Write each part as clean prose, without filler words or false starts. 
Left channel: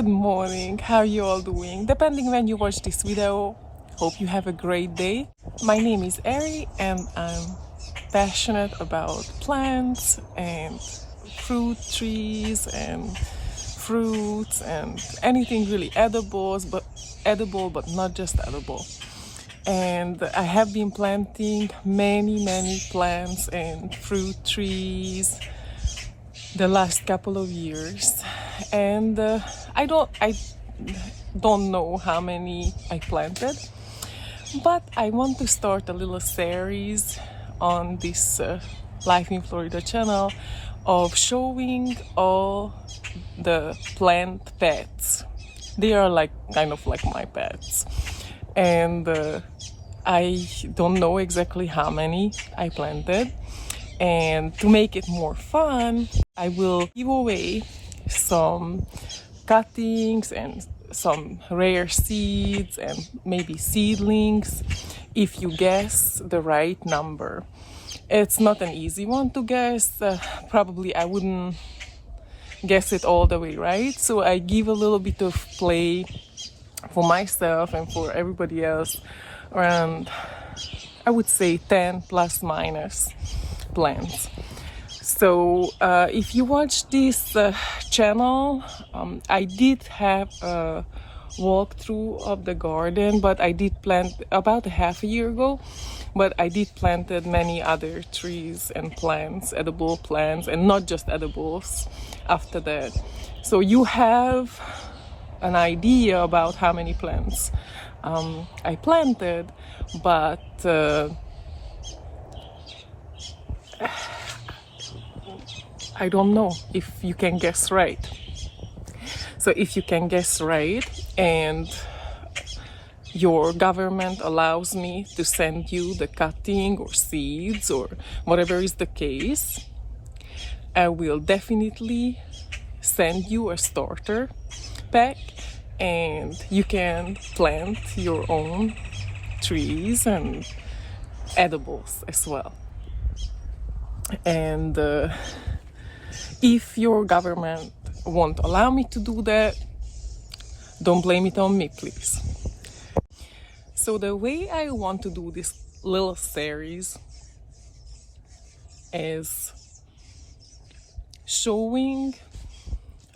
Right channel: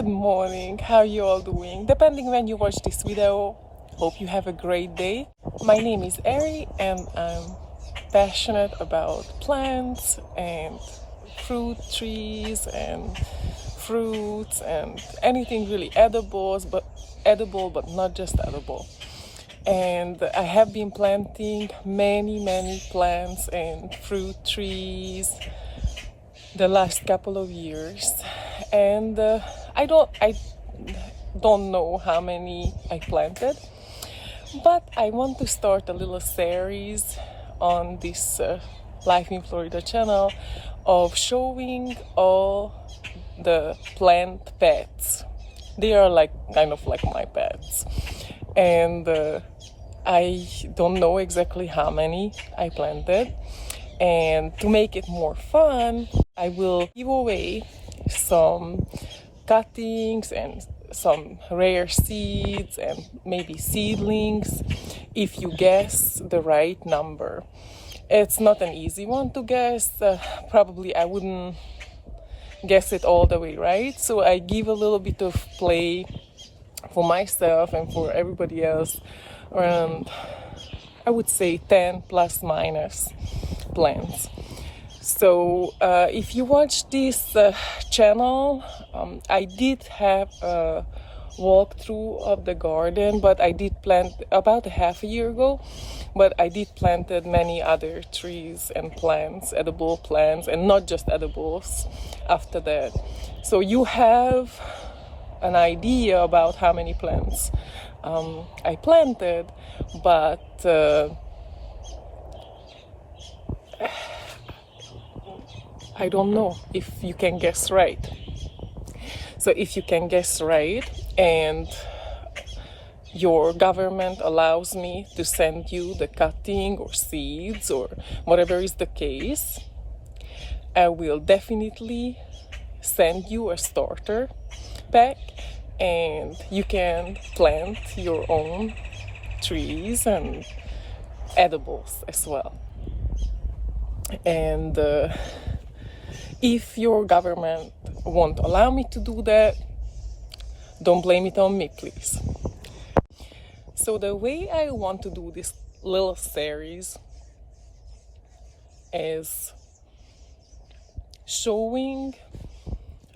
Good morning, how you all doing? Depending when you watch this video, hope you have a great day. My name is Ari and I'm passionate about plants and fruit trees and fruits and anything really edible but not just edible. And I have been planting many plants and fruit trees the last couple of years, and I don't know how many I planted, but I want to start a little series on this Life in Florida channel of showing all the plant pets. They are like kind of like my pets, and I don't know exactly how many I planted. And to make it more fun, I will give away some cuttings and some rare seeds and maybe seedlings if you guess the right number. It's not an easy one to guess. Probably I wouldn't guess it all the way right. So I give a little bit of play for myself and for everybody else around, I would say 10 plus minus plants. So if you watch this channel, I did have a walkthrough of the garden, but I did plant about a half a year ago, but I did planted many other trees and plants, edible plants, and not just edibles after that. So you have an idea about how many plants I planted, but I don't know if you can guess right. So if you can guess right and your government allows me to send you the cutting or seeds or whatever is the case, I will definitely send you a starter pack and you can plant your own trees and edibles as well. And if your government won't allow me to do that, don't blame it on me, please. So the way I want to do this little series is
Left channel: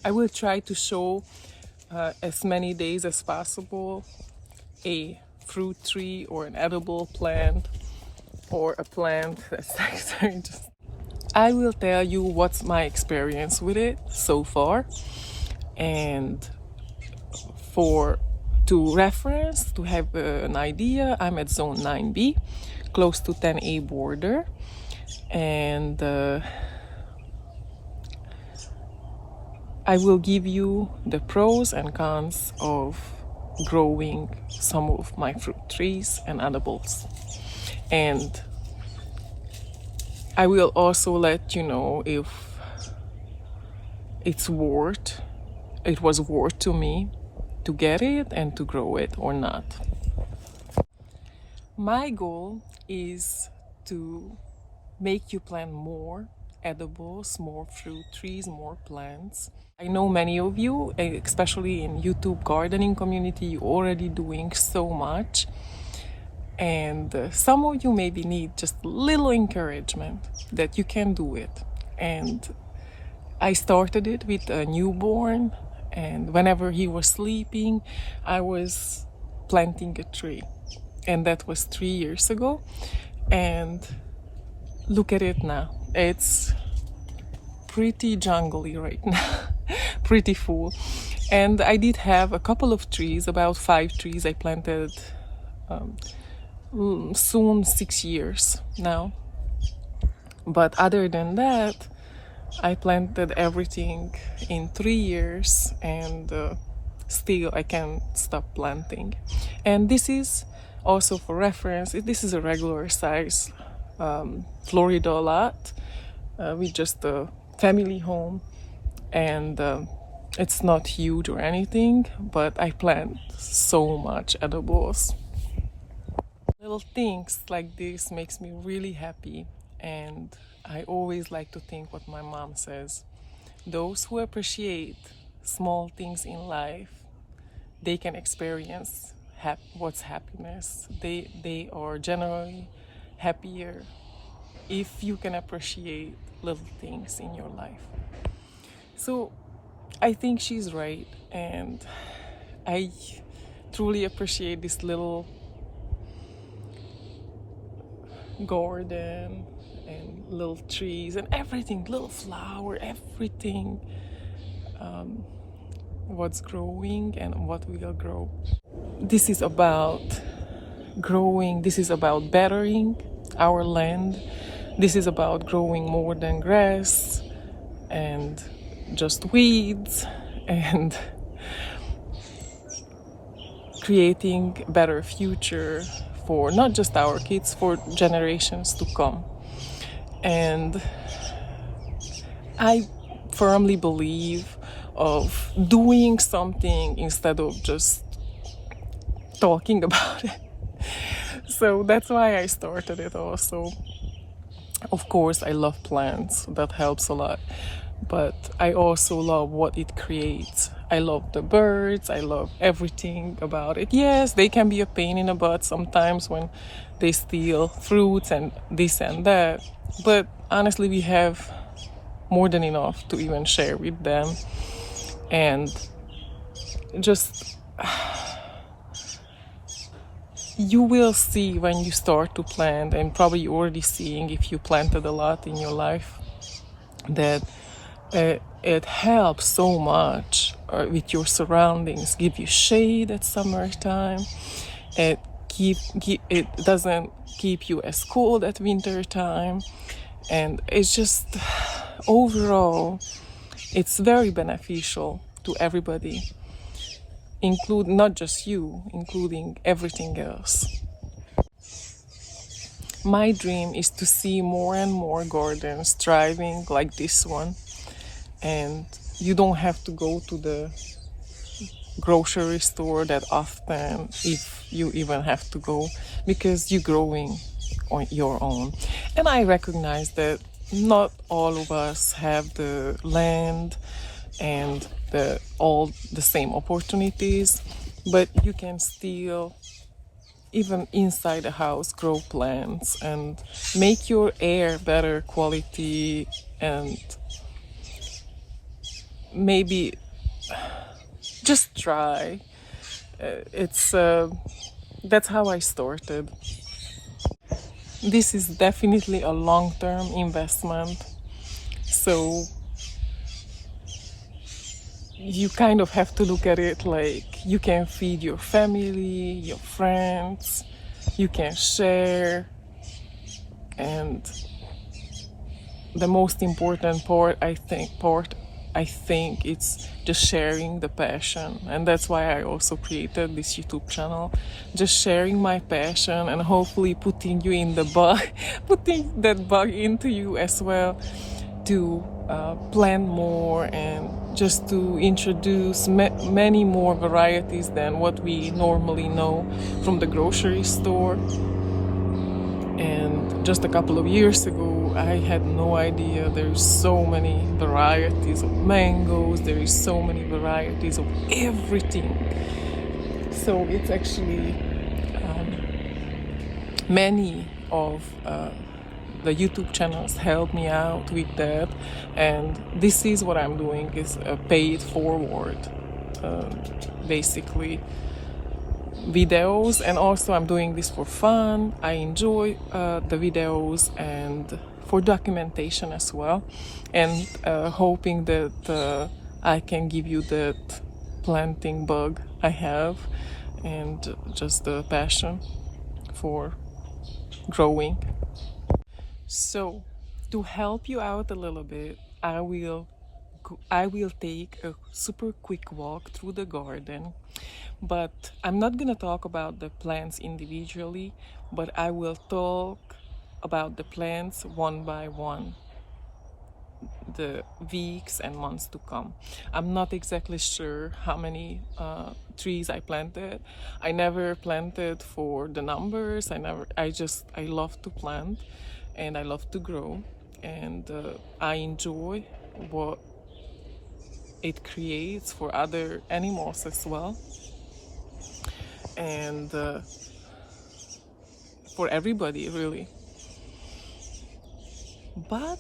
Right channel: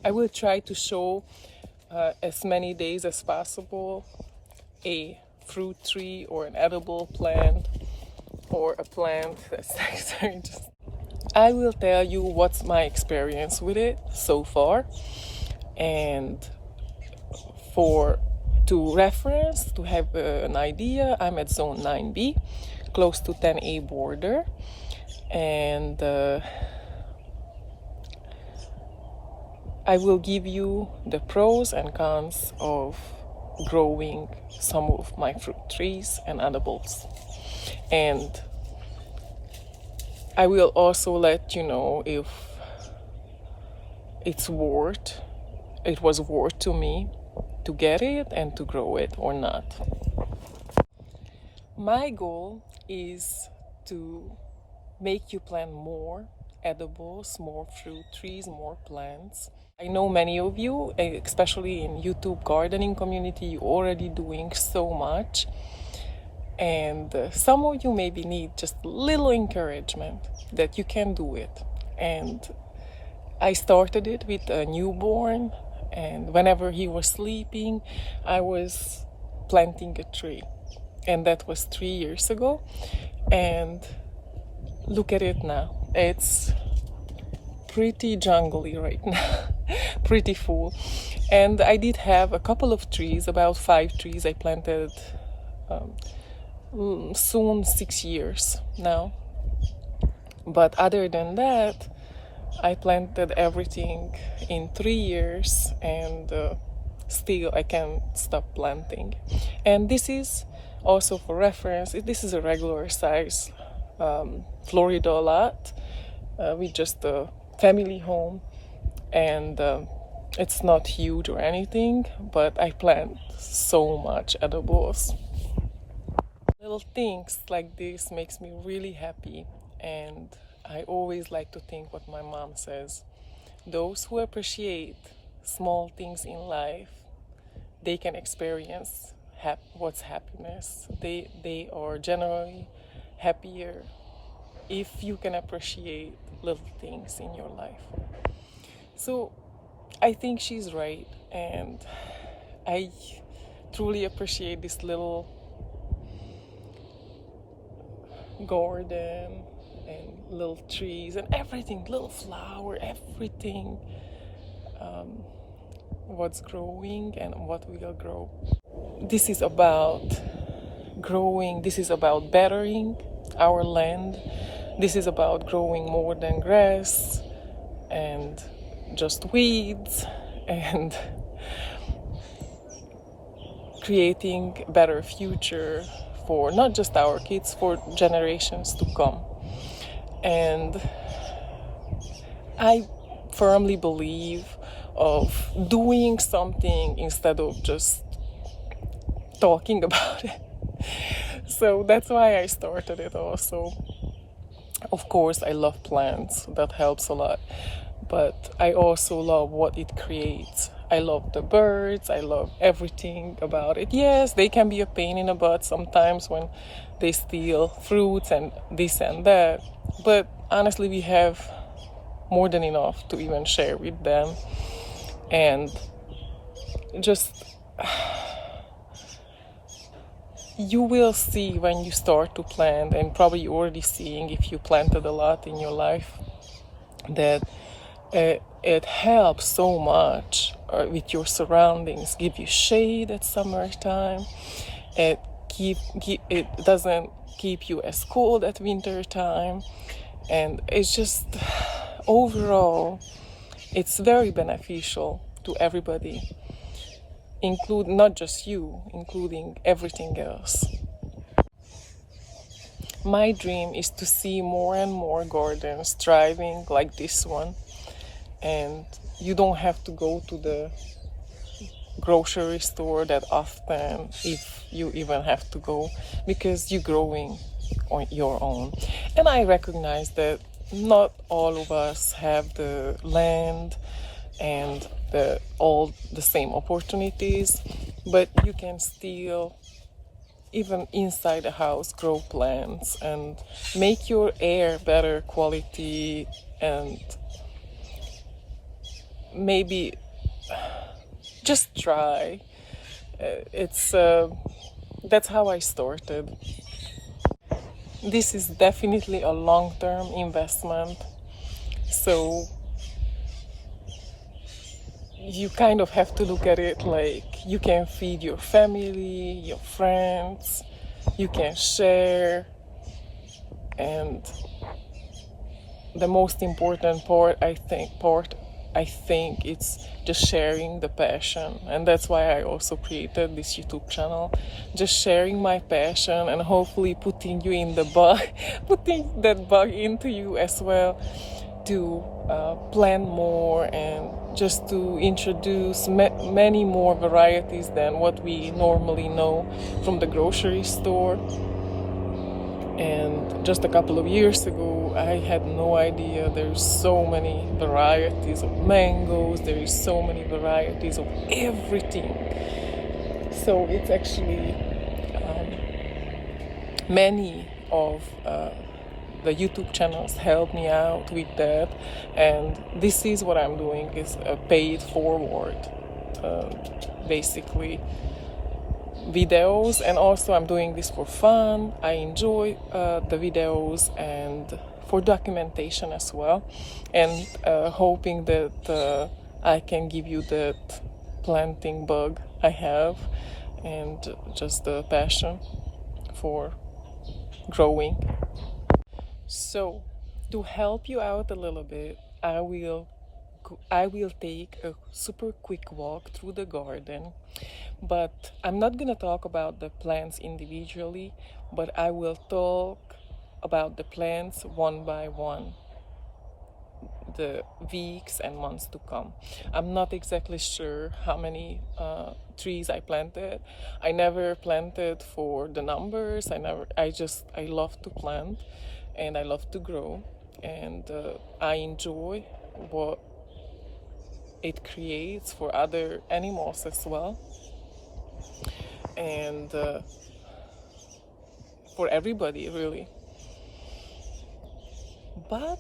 I will try to show as many days as possible a fruit tree or an edible plant or a plant that's I will tell you what's my experience with it so far, and to reference, to have an idea, I'm at zone 9B, close to 10A border, and I will give you the pros and cons of growing some of my fruit trees and edibles. And I will also let you know if it was worth to me to get it and to grow it or not. My goal is to make you plant more edibles, more fruit trees, more plants. I know many of you, especially in YouTube gardening community, you're already doing so much. And some of you maybe need just a little encouragement that you can do it. And I started it with a newborn, and whenever he was sleeping, I was planting a tree. And that was 3 years ago. And look at it now. It's pretty jungly right now, pretty full. And I did have a couple of trees, about 5 trees I planted soon 6 years now. But other than that, I planted everything in 3 years, and still I can't stop planting. And this is also for reference, this is a regular size Florida lot with just a family home, and it's not huge or anything, but I plant so much edibles. Little things like this makes me really happy, and I always like to think what my mom says: those who appreciate small things in life, they can experience what's happiness. They are generally happier if you can appreciate little things in your life. So I think she's right, and I truly appreciate this little garden and little trees and everything, little flower, everything, what's growing and what will grow. This is about growing, this is about bettering our land, this is about growing more than grass and just weeds, and creating a better future for not just our kids, for generations to come. And I firmly believe of doing something instead of just talking about it. So that's why I started it also. Of course, I love plants, that helps a lot. But I also love what it creates. I love the birds, I love everything about it. Yes, they can be a pain in the butt sometimes when they steal fruits and this and that. But honestly, we have more than enough to even share with them. And just you will see when you start to plant, and probably you're already seeing if you planted a lot in your life, that it helps so much with your surroundings. Give you shade at summertime. It doesn't keep you as cold at winter time, and it's just overall it's very beneficial to everybody, include not just you, including everything else. My dream is to see more and more gardens thriving like this one, and you don't have to go to the grocery store that often, if you even have to go, because you're growing on your own. And I recognize that not all of us have the land and all the same opportunities, but you can still, even inside the house, grow plants and make your air better quality, and maybe just try. It's That's how I started. This is definitely a long-term investment, so you kind of have to look at it like you can feed your family, your friends, you can share, and the most important part, I think it's just sharing the passion. And that's why I also created this YouTube channel, just sharing my passion and hopefully putting you in the bug, putting that bug into you as well, to plant more and just to introduce many more varieties than what we normally know from the grocery store. And just a couple of years ago, I had no idea there's so many varieties of mangoes, there is so many varieties of everything. So it's actually many of the YouTube channels help me out with that, and this is what I'm doing, is pay it forward, basically videos. And also I'm doing this for fun. I enjoy the videos and for documentation as well, and hoping that I can give you that planting bug I have and just the passion for growing. So to help you out a little bit, I will take a super quick walk through the garden. But I'm not going to talk about the plants individually, but I will talk about the plants one by one, the weeks and months to come. I'm not exactly sure how many trees I planted. I never planted for the numbers. I love to plant and I love to grow, and I enjoy what it creates for other animals as well, and for everybody really. But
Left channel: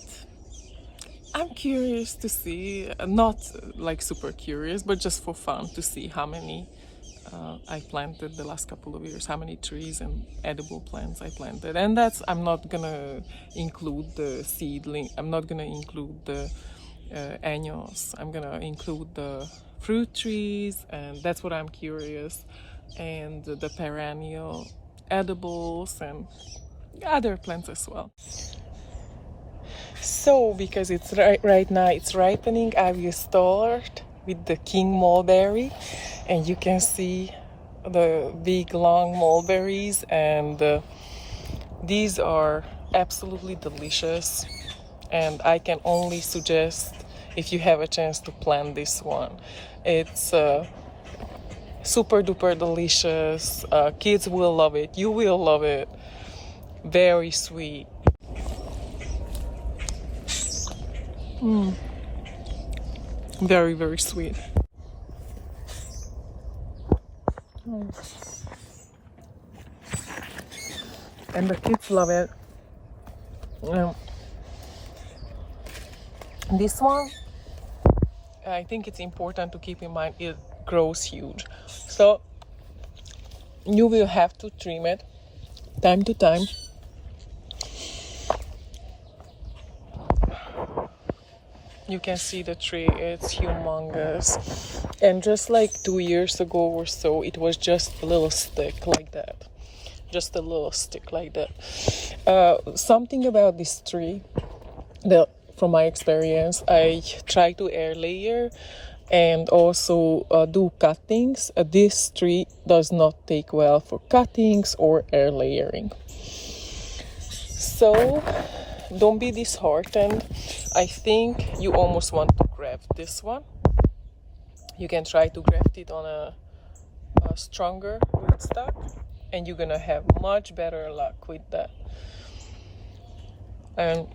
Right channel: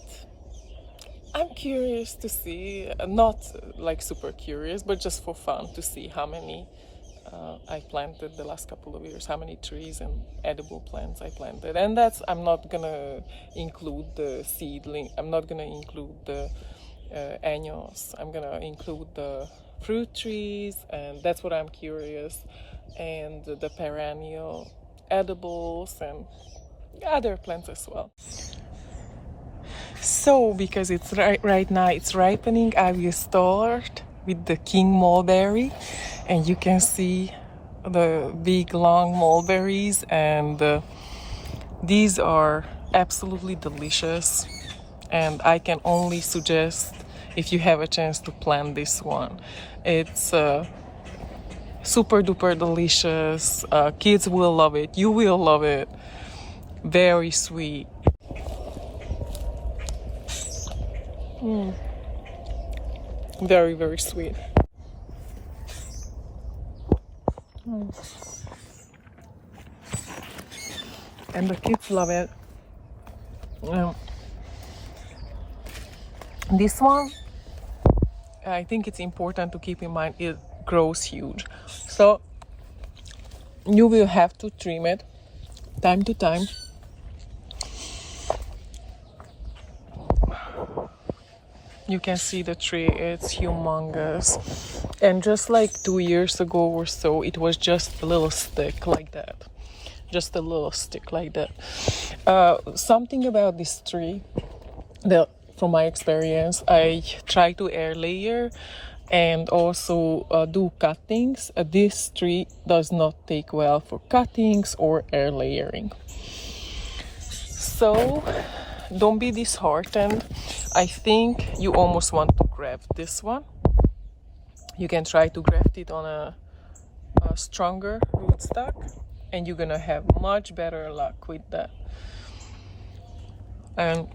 I'm curious to see, not like super curious, but just for fun, to see how many I planted the last couple of years, how many trees and edible plants I planted. And I'm not gonna include the seedling, I'm not gonna include the annuals, I'm gonna include the fruit trees, and that's what I'm curious, and the perennial edibles and other plants as well. So, because it's right now it's ripening, I will start with the king mulberry, and you can see the big long mulberries, and these are absolutely delicious, and I can only suggest, if you have a chance, to plant this one. It's super duper delicious. Kids will love it, you will love it. Very sweet. Very, very sweet. And the kids love it. This one, I think it's important to keep in mind, it grows huge. So you will have to trim it time to time. You can see the tree, it's humongous. And just like 2 years ago or so, it was just a little stick like that. Just a little stick like that. Something about this tree, from my experience, I try to air layer and also do cuttings. This tree does not take well for cuttings or air layering. So don't be disheartened. I think you almost want to graft this one. You can try to graft it on a stronger rootstock, and you're gonna have much better luck with that. And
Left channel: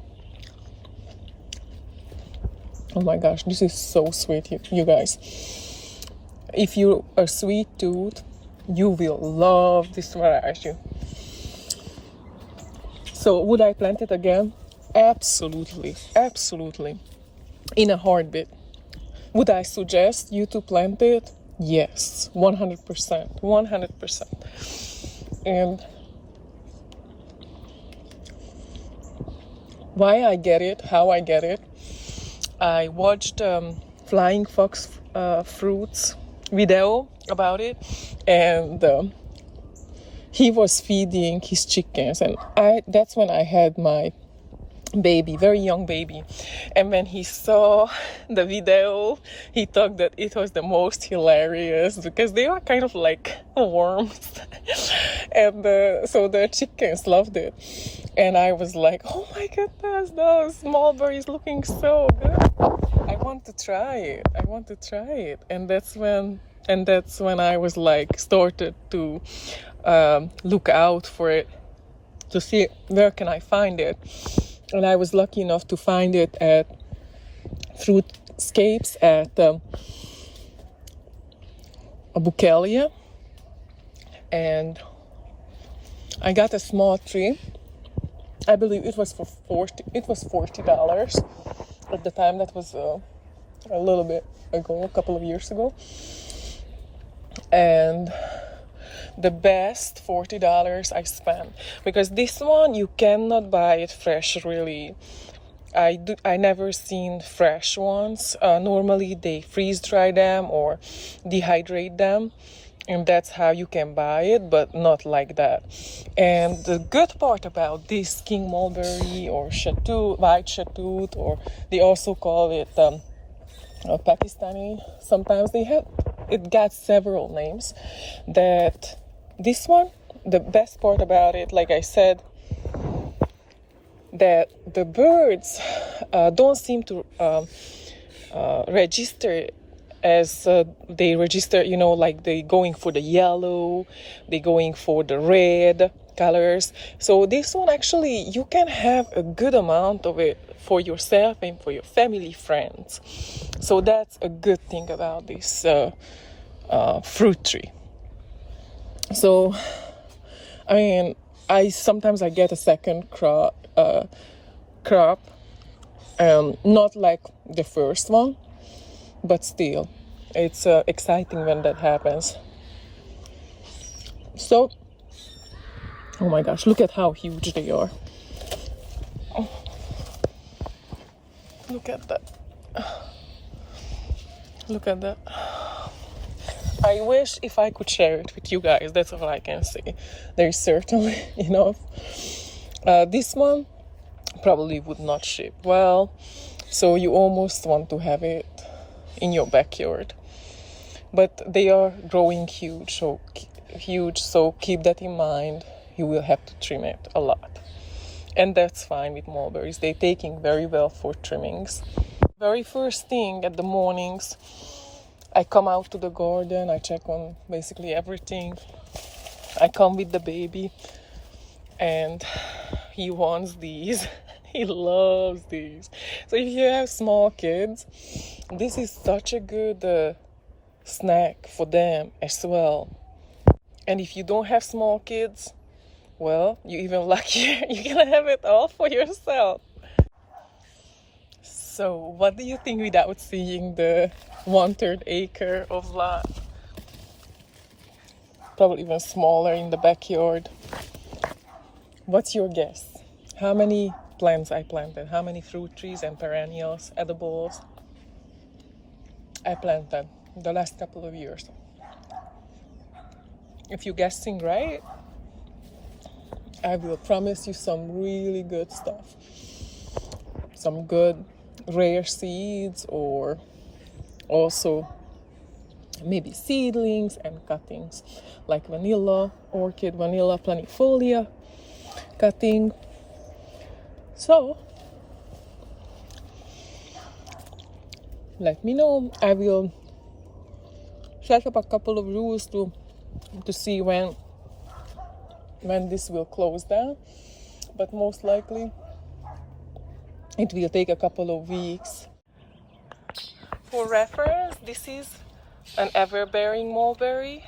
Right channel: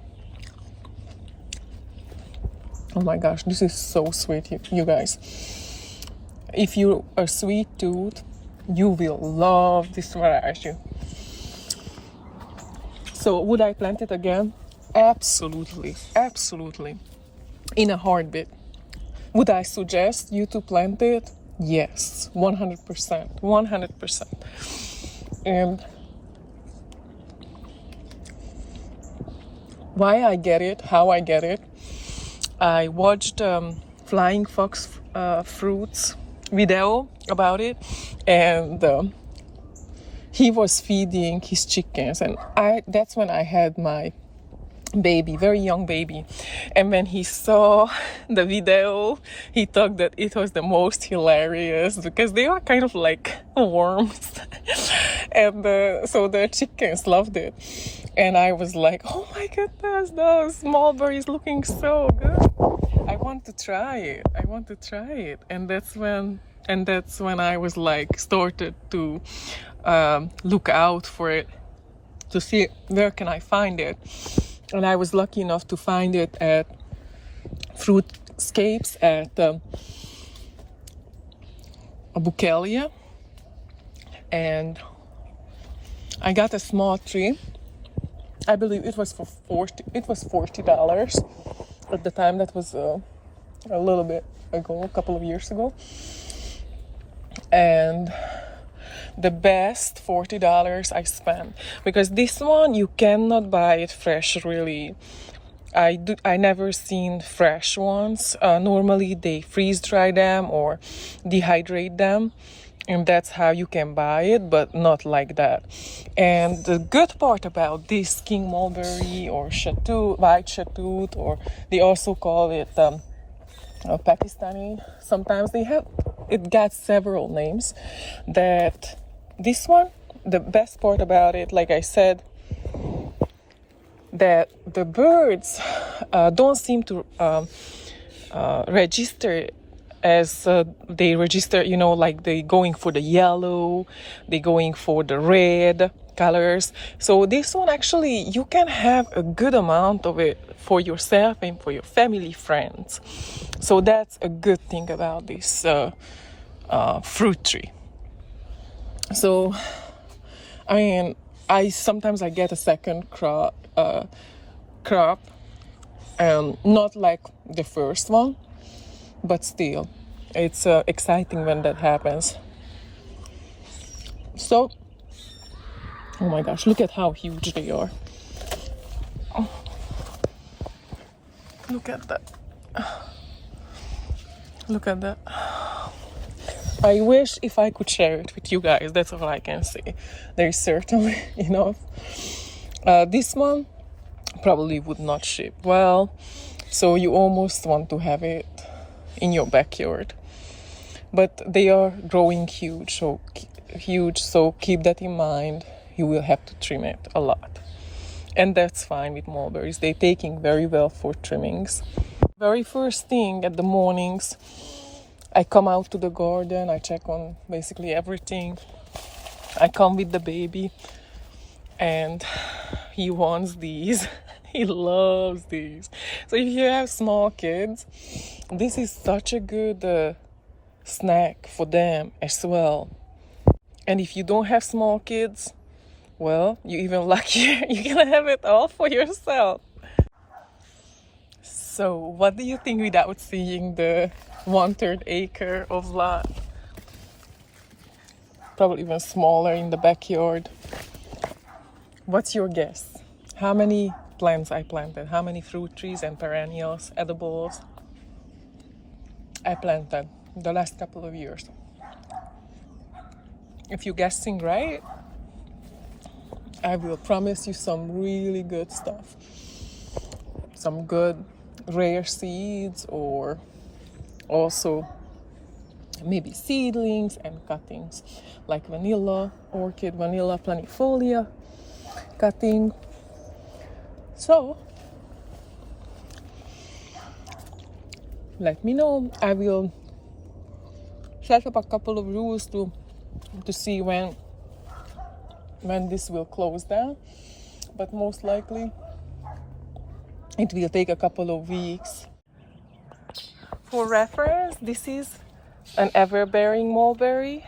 oh my gosh, this is so sweet, you guys. If you're a sweet tooth, you will love this variety. So would I plant it again? Absolutely, absolutely, in a heartbeat. Would I suggest you to plant it? Yes, 100%, 100%. And why I get it, how I get it, I watched Flying Fox Fruits video about it, and he was feeding his chickens, and that's when I had my baby, very young baby. And when he saw the video, he thought that it was the most hilarious, because they are kind of like worms. And so the chickens loved it. And I was like, oh my goodness, those mulberries looking so good. I want to try it. And that's when I was like, started to look out for it, to see where can I find it. And I was lucky enough to find it at Fruitscapes at Bukelia. And I got a small tree. I believe it was $40 at the time. That was a little bit ago, a couple of years ago. And the best $40 I spent, because this one you cannot buy it fresh really. I never seen fresh ones. Normally they freeze dry them or dehydrate them, and that's how you can buy it, but not like that. And the good part about this king mulberry or white shatut, or they also call it Pakistani, sometimes it got several names, that this one, the best part about it, like I said, that the birds don't seem to register as they register, like they going for the yellow, they going for the red colors. So this one, actually, you can have a good amount of it for yourself and for your family, friends. So that's a good thing about this fruit tree. So, I mean, sometimes I get a second crop, not like the first one, but still, it's exciting when that happens. So, oh my gosh, look at how huge they are. Oh, look at that. Look at that. I wish if I could share it with you guys. That's all I can say. There is certainly enough. This one probably would not ship well, so you almost want to have it in your backyard. But they are growing huge, so keep that in mind. You will have to trim it a lot. And that's fine with mulberries. They're taking very well for trimmings. Very first thing at the mornings, I come out to the garden, I check on basically everything. I come with the baby and he wants these. He loves these. So if you have small kids, this is such a good snack for them as well. And if you don't have small kids, well, you're even luckier. You're gonna have it all for yourself. So what do you think without seeing the 1/3 acre of lot? Probably even smaller in the backyard. What's your guess? How many plants I planted? How many fruit trees and perennials, edibles I planted the last couple of years? If you're guessing right, I will promise you some really good stuff. Some good rare seeds, or also maybe seedlings and cuttings like vanilla, orchid, vanilla planifolia cutting. So let me know. I will set up a couple of rules to see when this will close down, but most likely it will take a couple of weeks. For reference, this is an ever-bearing mulberry.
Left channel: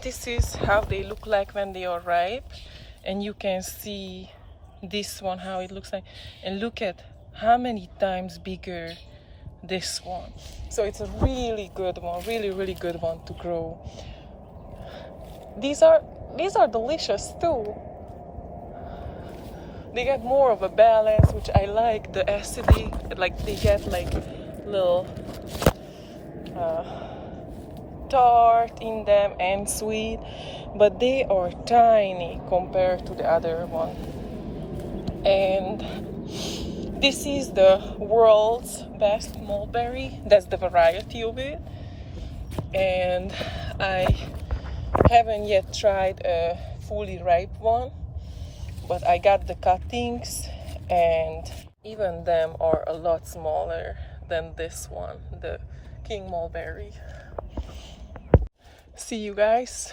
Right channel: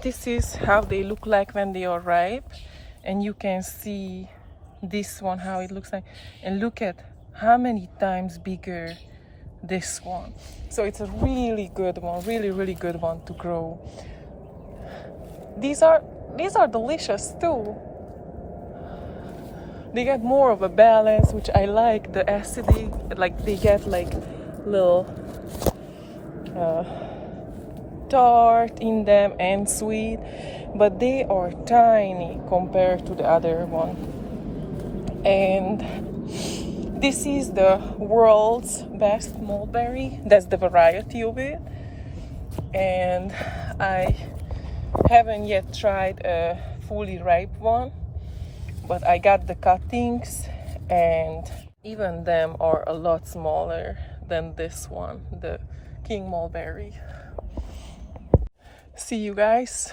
This is how they look like when they are ripe, and you can see this one how it looks like, and look at how many times bigger this one. So it's a really good one, really good one to grow. These are delicious too. They get more of a balance, which I like. The acidity, like they get like little tart in them and sweet, but they are tiny compared to the other one. And this is the world's best mulberry. That's the variety of it. And I haven't yet tried a fully ripe one, but I got the cuttings, and even them are a lot smaller than this one, the king mulberry. See you guys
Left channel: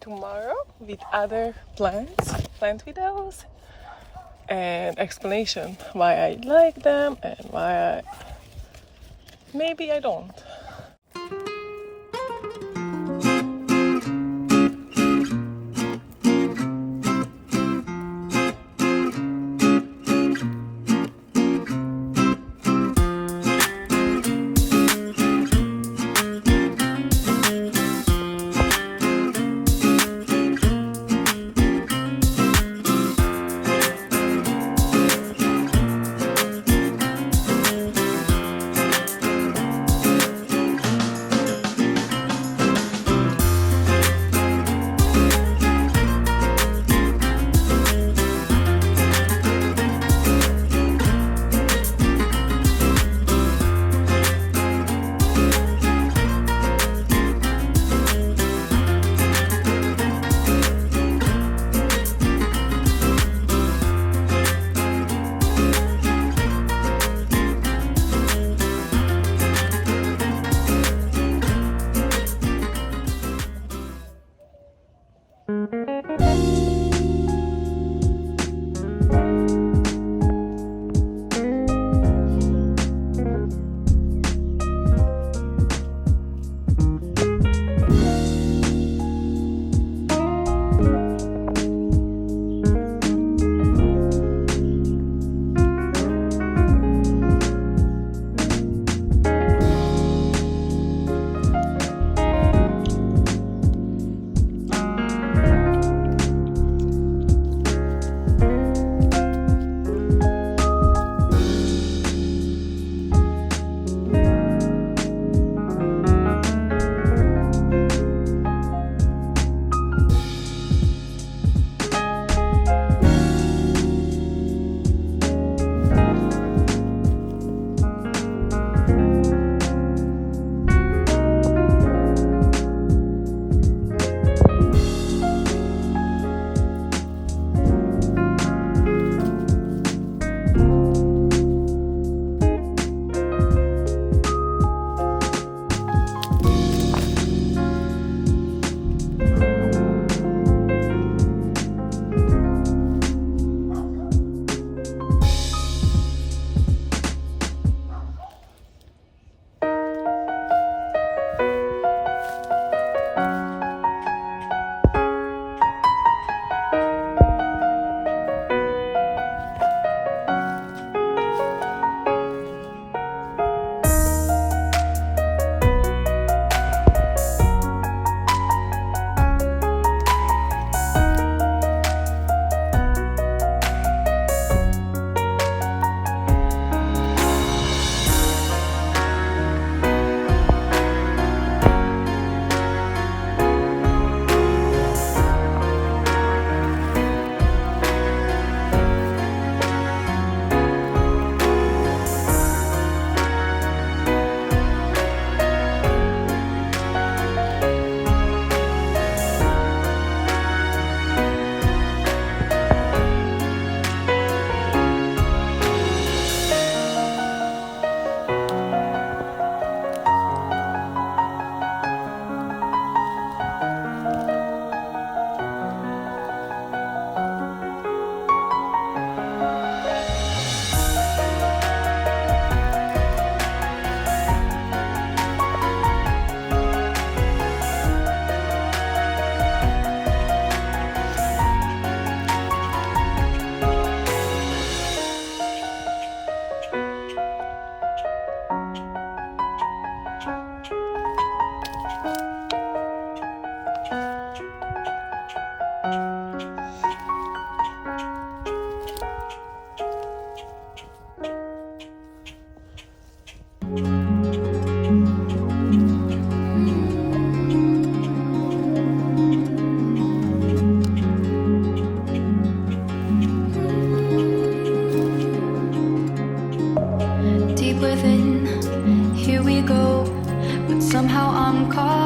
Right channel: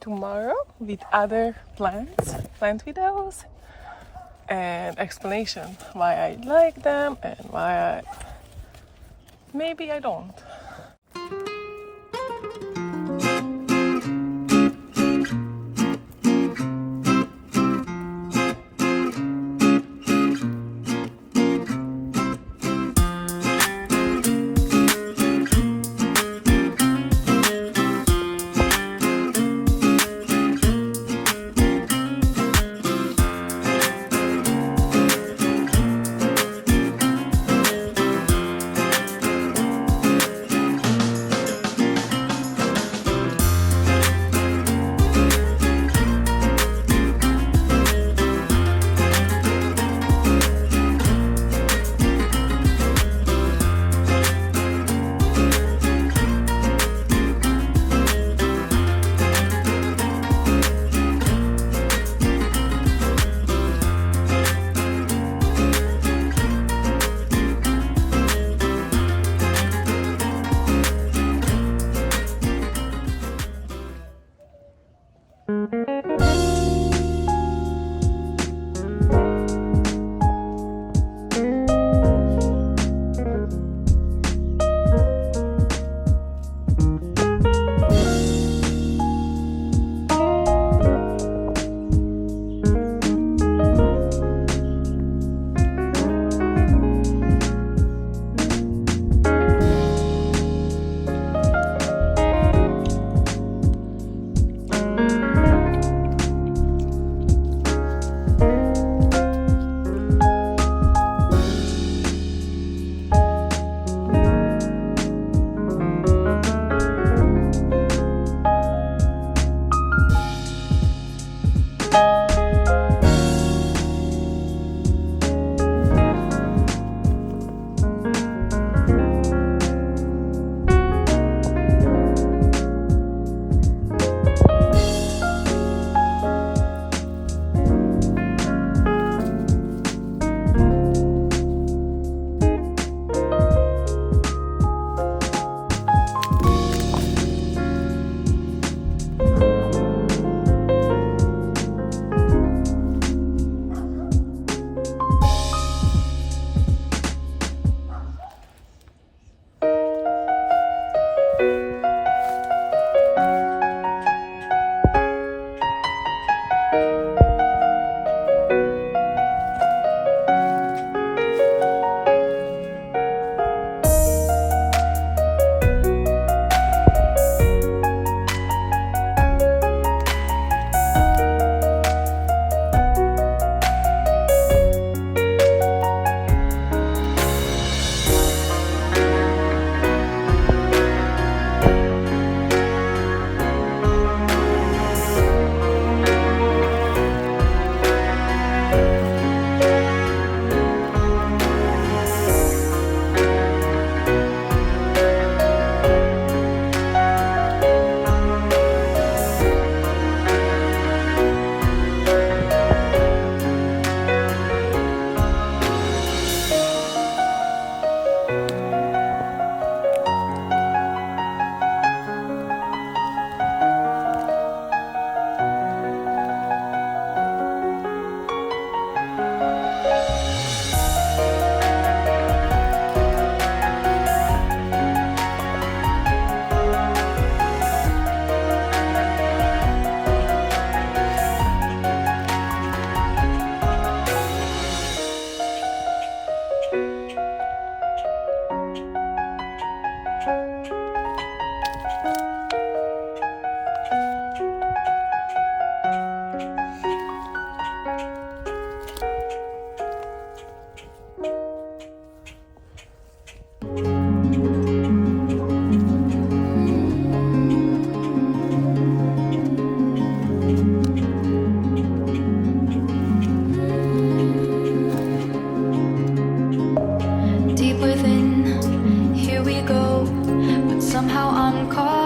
tomorrow with other plant videos and explanation why I like them and why maybe I don't.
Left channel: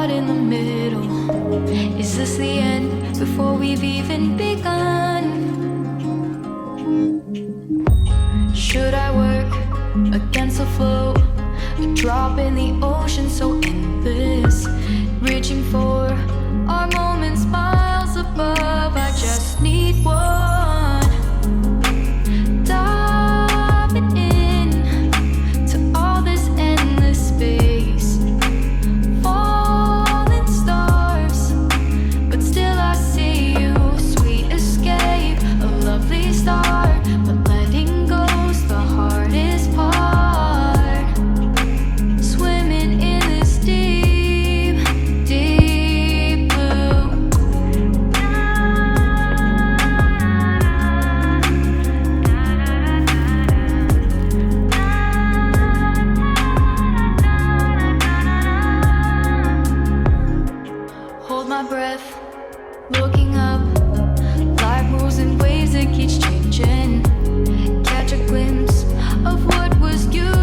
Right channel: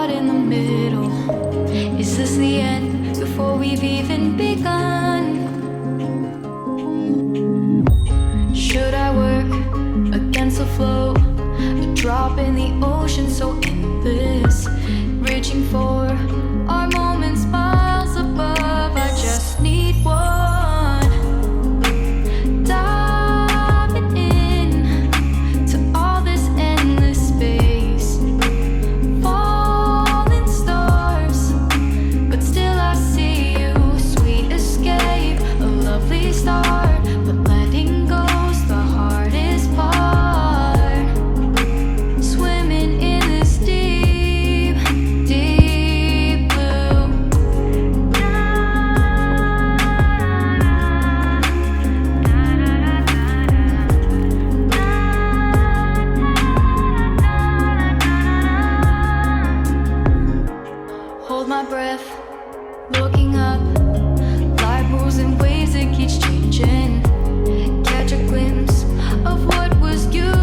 caught in the middle. Is this the end before we've even begun? Should I work against the flow? A drop in the ocean so endless, reaching for our moments miles above. I just need one, diving in to all this endless space, falling stars, but still I see you. Sweet escape, a lovely start, but letting go's the hardest part. Swimming in this deep, deep blue. Hold my breath, looking up. Life moves in ways that keeps changing. Catch a glimpse of what was you.